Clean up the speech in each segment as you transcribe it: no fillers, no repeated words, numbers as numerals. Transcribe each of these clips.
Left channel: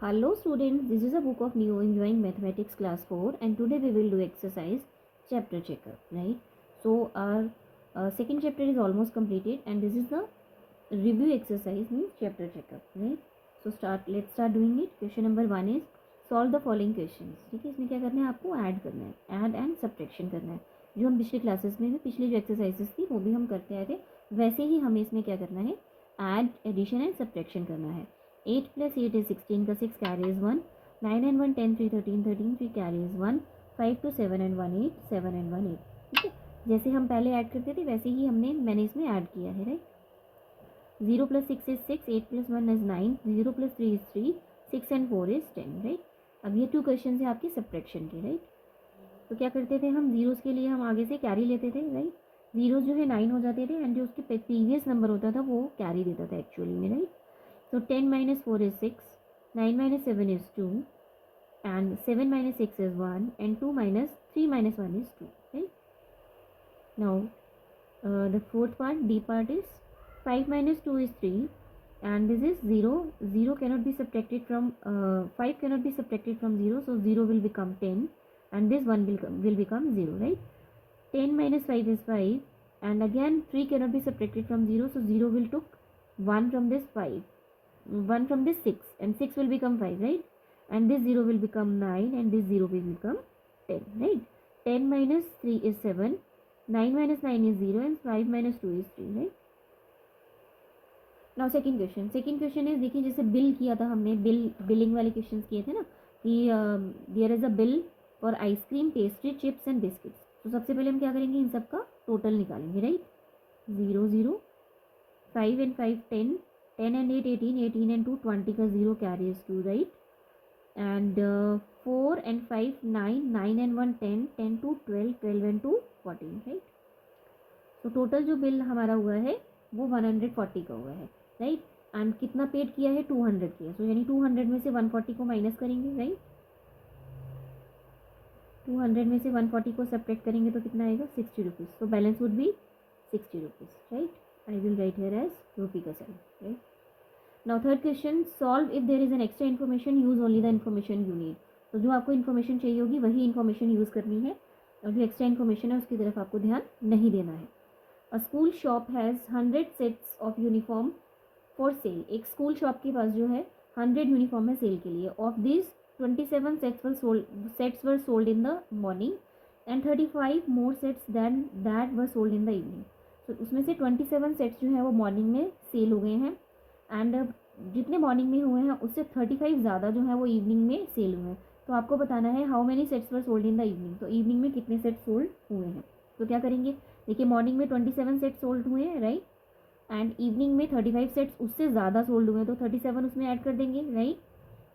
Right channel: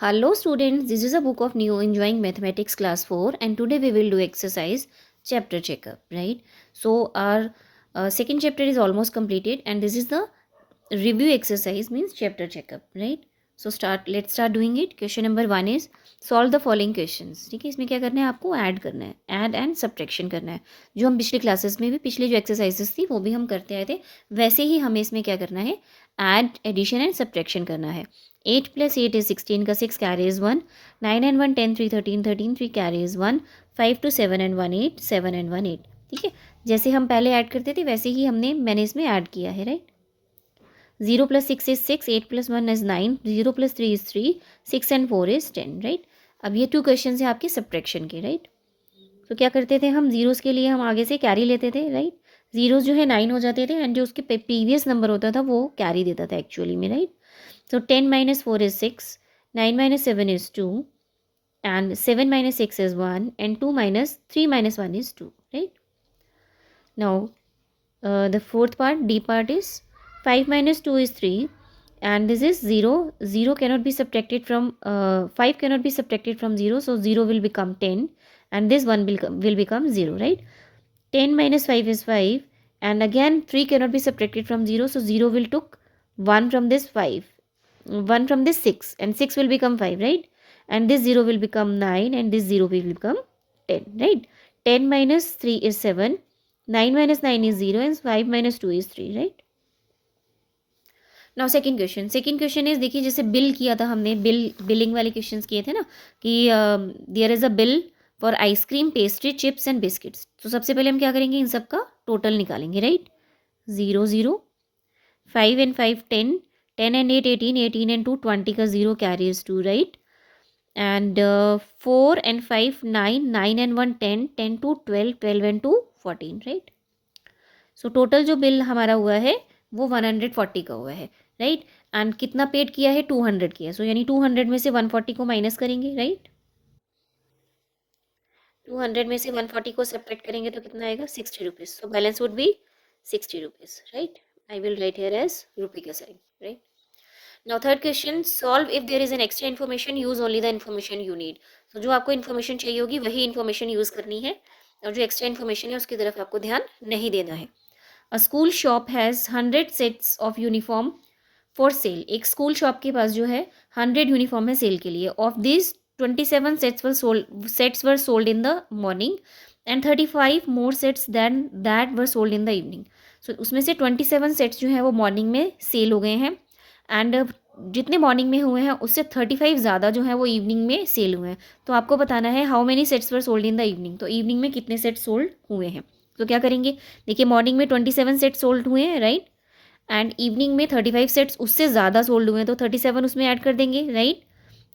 Hello students, this is a book of new enjoying mathematics class 4 and today we will do exercise chapter checkup, right? So our second chapter is almost completed and this is the review exercise means chapter checkup, right? So let's start doing it. Question number 1 is solve the following questions. ठीक है, इसमें क्या करना है, आपको add करना है, add and subtraction करना है। जो हम पिछले क्लासेस में भी पिछले जो एक्सरसाइजेस थी वो भी हम करते आए थे, वैसे ही हमें इसमें क्या करना है, ऐड एडिशन एंड सब्ट्रैक्शन करना है। 8 + 8 is 16 का 6 carries 1, 9 and 1 10 3 13 13 3 carries 1, 5 to 7 and 1 8 7 and 1 8। ठीक है, जैसे हम पहले ऐड करते थे वैसे ही मैंने इसमें ऐड किया है, right. 0 + 6 is 6, 8 + 1 is 9, 0 + 3 is 3, 6 and 4 is 10, right. अब ये 2 क्वेश्चन है आपके सब्ट्रैक्शन के, राइट। तो क्या करते थे हम, जीरोज़ के लिए हम आगे से कैरी लेते थे, राइट। जीरोज़ जो है 9 हो जाते थे एंड जो उसके प्रीवियस नंबर होता था वो कैरी देता था एक्चुअली में, right. So 10 - 4 is 6, 9 - 7 is 2, and 7 - 6 is 1, and 2 minus 3 minus 1 is 2, right? Now, the fourth part, D part is 5 - 2 is 3, and this is 0. 0 cannot be subtracted from, 5 cannot be subtracted from 0, so 0 will become 10, and this 1 will become 0, right? 10 minus 5 is 5, and again 3 cannot be subtracted from 0, so 0 will took 1 from this 5. 1 from this 6 and 6 will become 5, right, and this 0 will become 9 and this 0 will become 10, right. 10 minus 3 is 7, 9 minus 9 is 0 and 5 minus 2 is 3, right. Now second question is, देखिए जैसे bill किया था हमने, billing वाले questions किए थे ना कि there is a bill for ice cream, pastry, chips and biscuits. तो सबसे पहले हम क्या करेंगे, इन सब का टोटल निकालेंगे, राइट। 0 0, 5 and 5 10, 10 and 8 18, 18 and 2 20 का 0 carries 2, right, and 4 and 5 9, 9 and 1 10, 10 to 12, 12 and 2 14, right. So total जो बिल हमारा हुआ है वो 140 का हुआ है, राइट, एंड कितना पेड किया है, 200 किया, सो यानी 200 में से 140 को माइनस करेंगे, राइट। 200 में से 140 को सब्ट्रैक्ट करेंगे तो कितना आएगा, 60 rupees. So balance would be 60 rupees, right. I will write here as rupee का sign, right. Now third question, solve if there is an extra information, use only the information you need. तो जो आपको information चाहिए होगी वही information use करनी है और जो एक्स्ट्रा इन्फॉर्मेशन है उसकी तरफ आपको ध्यान नहीं देना है। अ school shop has 100 sets of uniform for sale. एक स्कूल शॉप के पास जो है 100 यूनिफॉर्म है सेल के लिए। Of this 27 sets were sold in the morning and 35 more sets than that were sold in the evening. So उसमें से 27 sets जो हैं वो मॉर्निंग में सेल हो गए हैं एंड जितने मॉर्निंग में हुए हैं उससे 35 ज़्यादा जो है वो इवनिंग में सेल हुए हैं। तो आपको बताना है how many sets were sold in the evening. तो इवनिंग में कितने सेट्स सोल्ड हुए हैं। तो क्या करेंगे, देखिए मॉर्निंग में 27 सेट्स सोल्ड हुए हैं, राइट, एंड इवनिंग में 35 सेट्स उससे ज़्यादा सोल्ड हुए हैं तो 37 उसमें ऐड कर देंगे, राइट।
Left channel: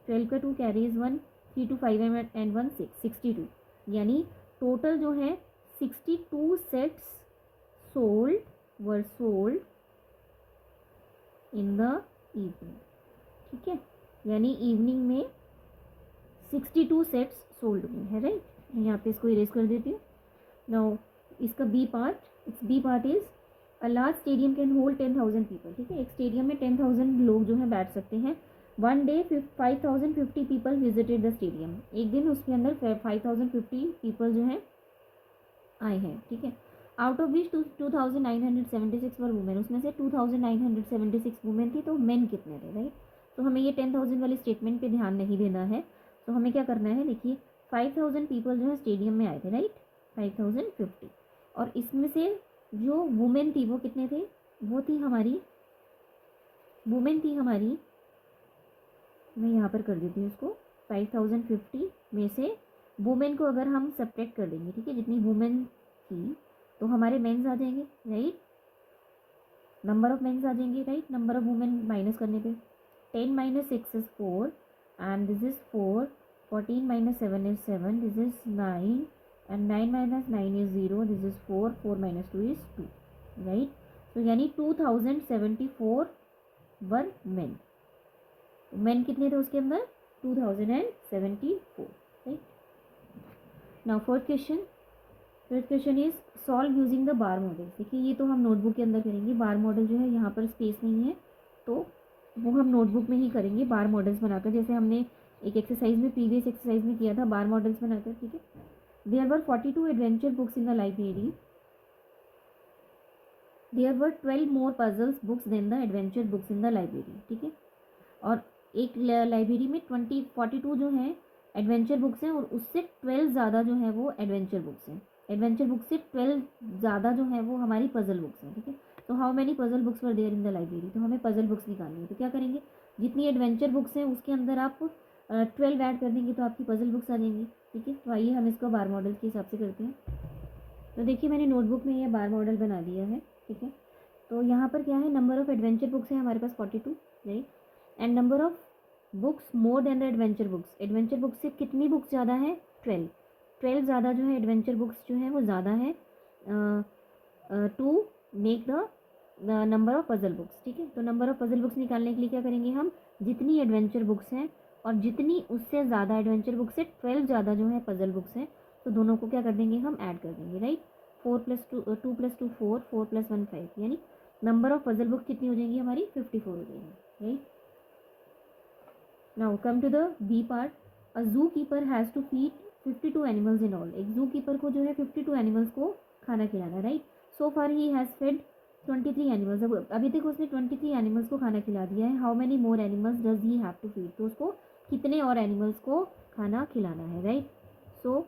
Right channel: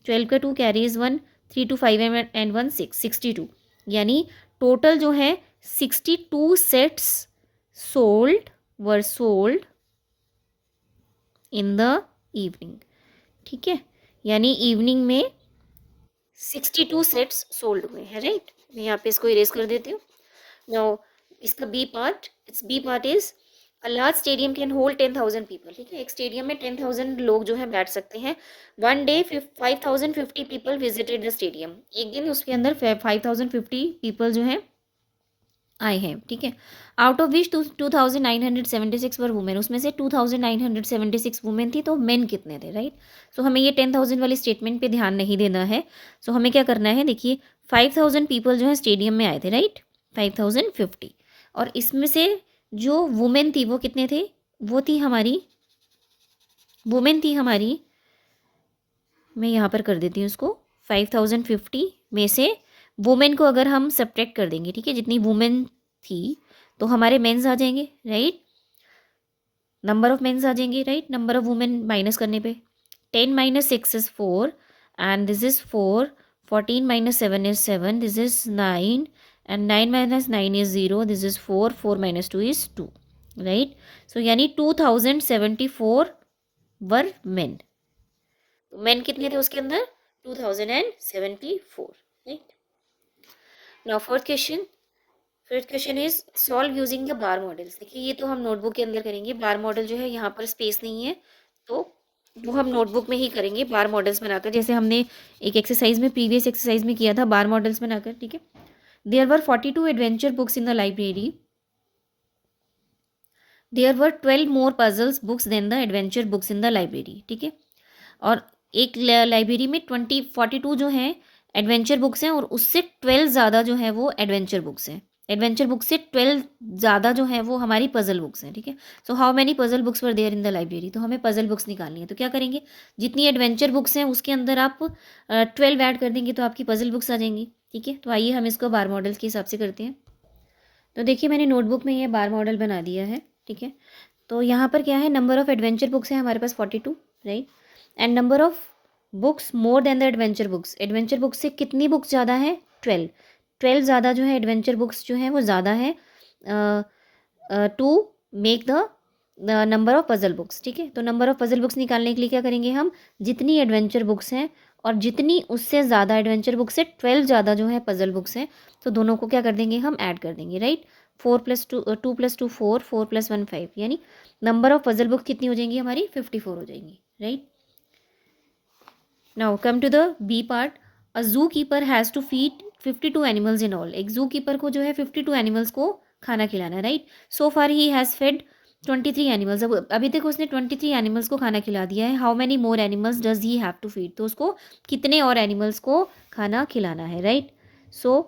12 का 2 कैरीज 1, 3 to 5 एंड 1 6, 62, यानी टोटल जो है 62 sets were sold in the evening, ठीक है, यानी इवनिंग में 62 सेट्स सोल्ड हुए हैं, राइट। मैं यहाँ पे इसको इरेज कर देती हूँ। नाउ इसका B part is a large stadium can hold 10,000 people, ठीक है, एक स्टेडियम में 10,000 लोग जो है बैठ सकते हैं। 1 day 5,050 people visited the stadium, एक दिन उसके अंदर 5,050 पीपल जो है आए हैं, ठीक है। Out of which 2,976 were women, उसमें से 2,976 वुमेन थी, तो मेन कितने थे, राइट। सो हमें ये 10,000 वाली स्टेटमेंट पे ध्यान नहीं देना है। सो हमें क्या करना है, देखिए 5,000 पीपल जो है स्टेडियम में आए थे, राइट, 5,050, और इसमें से जो वुमेन थी वो कितने थे, वो थी हमारी मैं यहाँ पर कर देती हूँ उसको, 5,050 में से वुमेन को अगर हम सब्ट्रैक्ट कर देंगे, ठीक है, जितनी वुमेन थी तो हमारे मेंस आ जाएंगे, राइट, नंबर ऑफ मेंस आ जाएंगे, right, number of women minus करने पे 10 - 6 is 4 and this is 4, 14 - 7 is 7, this is 9 and 9 - 9 is 0, this is 4, 4 - 2 is 2, right. सो यानी 2,074 वर मेन, मेन कितने थे उसके अंदर, 2,074, right. Now fourth question is solve using the bar models. देखिए ये तो हम नोटबुक के अंदर करेंगे, बार मॉडल जो है यहाँ पर स्पेस नहीं है तो वो हम नोटबुक में ही करेंगे बार मॉडल्स बनाकर, जैसे हमने एक एक्सरसाइज में, प्रीवियस एक्सरसाइज में किया था बार मॉडल्स बनाकर, ठीक है। There were 42 adventure books in the library, there were 12 more puzzles books than the adventure books in the library, ठीक है। और एक लाइब्रेरी में 42 जो हैं एडवेंचर बुक्स हैं, और उससे 12 ज़्यादा जो है वो एडवेंचर बुक्स हैं। एडवेंचर बुक्स से 12 ज़्यादा जो है वो हमारी पजल बुक्स हैं, ठीक है। So how many puzzle books were there in the library, तो हमें पजल बुक्स निकालनी है। तो क्या करेंगे, जितनी एडवेंचर बुक्स हैं उसके अंदर आप 12 ऐड कर देंगे तो आपकी पजल बुक्स आ जाएंगी, ठीक है। तो आइए हम इसको बार मॉडल के हिसाब से करते हैं। तो देखिए मैंने नोटबुक में ये बार मॉडल बना दिया है, ठीक है। तो यहाँ पर क्या है, नंबर ऑफ़ एडवेंचर बुक्स है हमारे पास 42, right. And number of books more than the adventure books, adventure books से कितनी बुक्स ज़्यादा है, 12। 12 ज़्यादा जो है एडवेंचर बुक्स जो हैं वो ज़्यादा है to make the number of puzzle books, ठीक है। तो नंबर ऑफ़ पजल बुक्स निकालने के लिए क्या करेंगे हम, जितनी एडवेंचर बुक्स हैं और जितनी उससे ज़्यादा एडवेंचर बुक्स है, 12 ज़्यादा जो है पजल बुक्स हैं, तो दोनों को क्या कर देंगे हम, ऐड कर देंगे, राइट। 2 + 2 4, 4 + 1 5, यानी नंबर ऑफ पजल बुक कितनी हो जाएंगी हमारी, 54 हो जाएंगी, right. Now come to the B part. A zoo keeper has to feed 52 animals in all, एक जू कीपर को जो है 52 एनिमल्स को खाना खिलाना है, right. So far he has fed 23 animals, अब अभी तक उसने 23 एनिमल्स को खाना खिला दिया है। How many more animals does he have to feed, तो उसको कितने और एनिमल्स को खाना खिलाना है, राइट। सो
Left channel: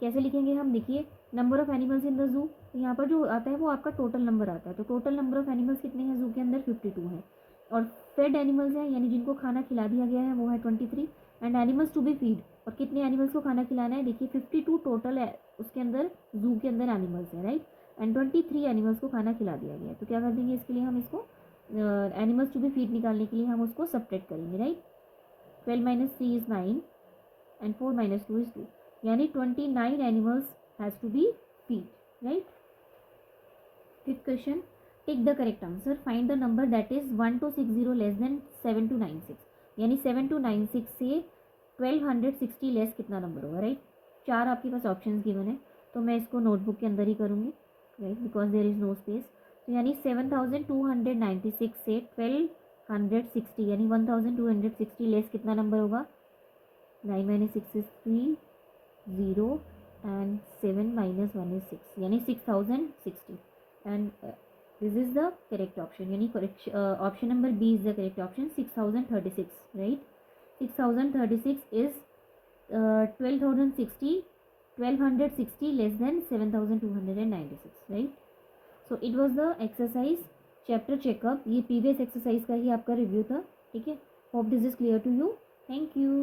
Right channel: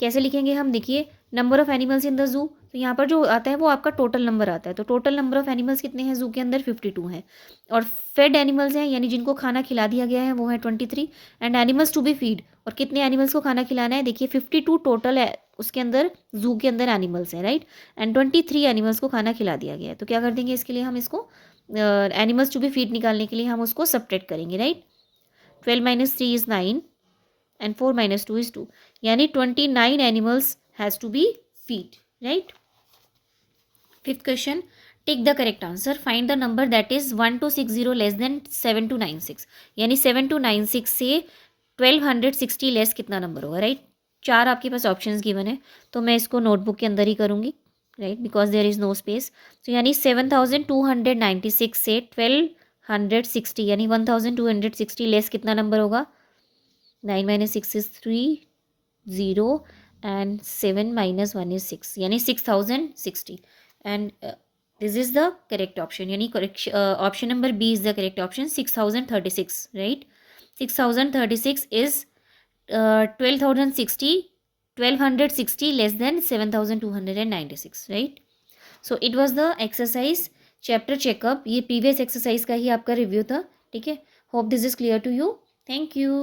कैसे लिखेंगे हम, देखिए number of animals in the zoo, तो यहाँ पर जो आता है वो आपका टोटल नंबर आता है। तो टोटल नंबर ऑफ़ एनिमल्स कितने हैं ज़ू के अंदर, 52 हैं। और फेड एनिमल्स हैं, यानी जिनको खाना खिला दिया गया है, वो है 23। And animals to be feed, और कितने एनिमल्स को खाना खिलाना है, देखिए 52 टोटल है उसके अंदर, ज़ू के अंदर एनिमल्स हैं, राइट। एंड 23 एनिमल्स को खाना खिला दिया गया है। तो क्या कर देंगे इसके लिए हम इसको, एनिमल्स टू बी फीड निकालने के लिए हम उसको सब्ट्रैक्ट करेंगे, राइट। 12 - 3 इज़ 9 and 4 - 2 is 2, यानी 29 animals has to be feed, right। Fifth question, take the correct answer, find the number that is 1260 less than 7296, यानी 7296 से 1260 लेस कितना नंबर होगा, राइट। चार आपके पास ऑप्शंस गिवन है, तो मैं इसको नोटबुक के अंदर ही करूँगी, right, because there is no space. तो यानी 7296 से 1260 यानी 1260 लेस कितना नंबर होगा, 9 - 6 is 3, 0 and 7 - 1 is 6, यानी 6060, and this is the correct option, यानी correct option number B is the correct option, 6036, right। 6036 is 12,060 1260 less than 7296, right। so it was the exercise chapter checkup, ये previous exercise का ही आपका review था, ठीक है। hope this is clear to you, thank you।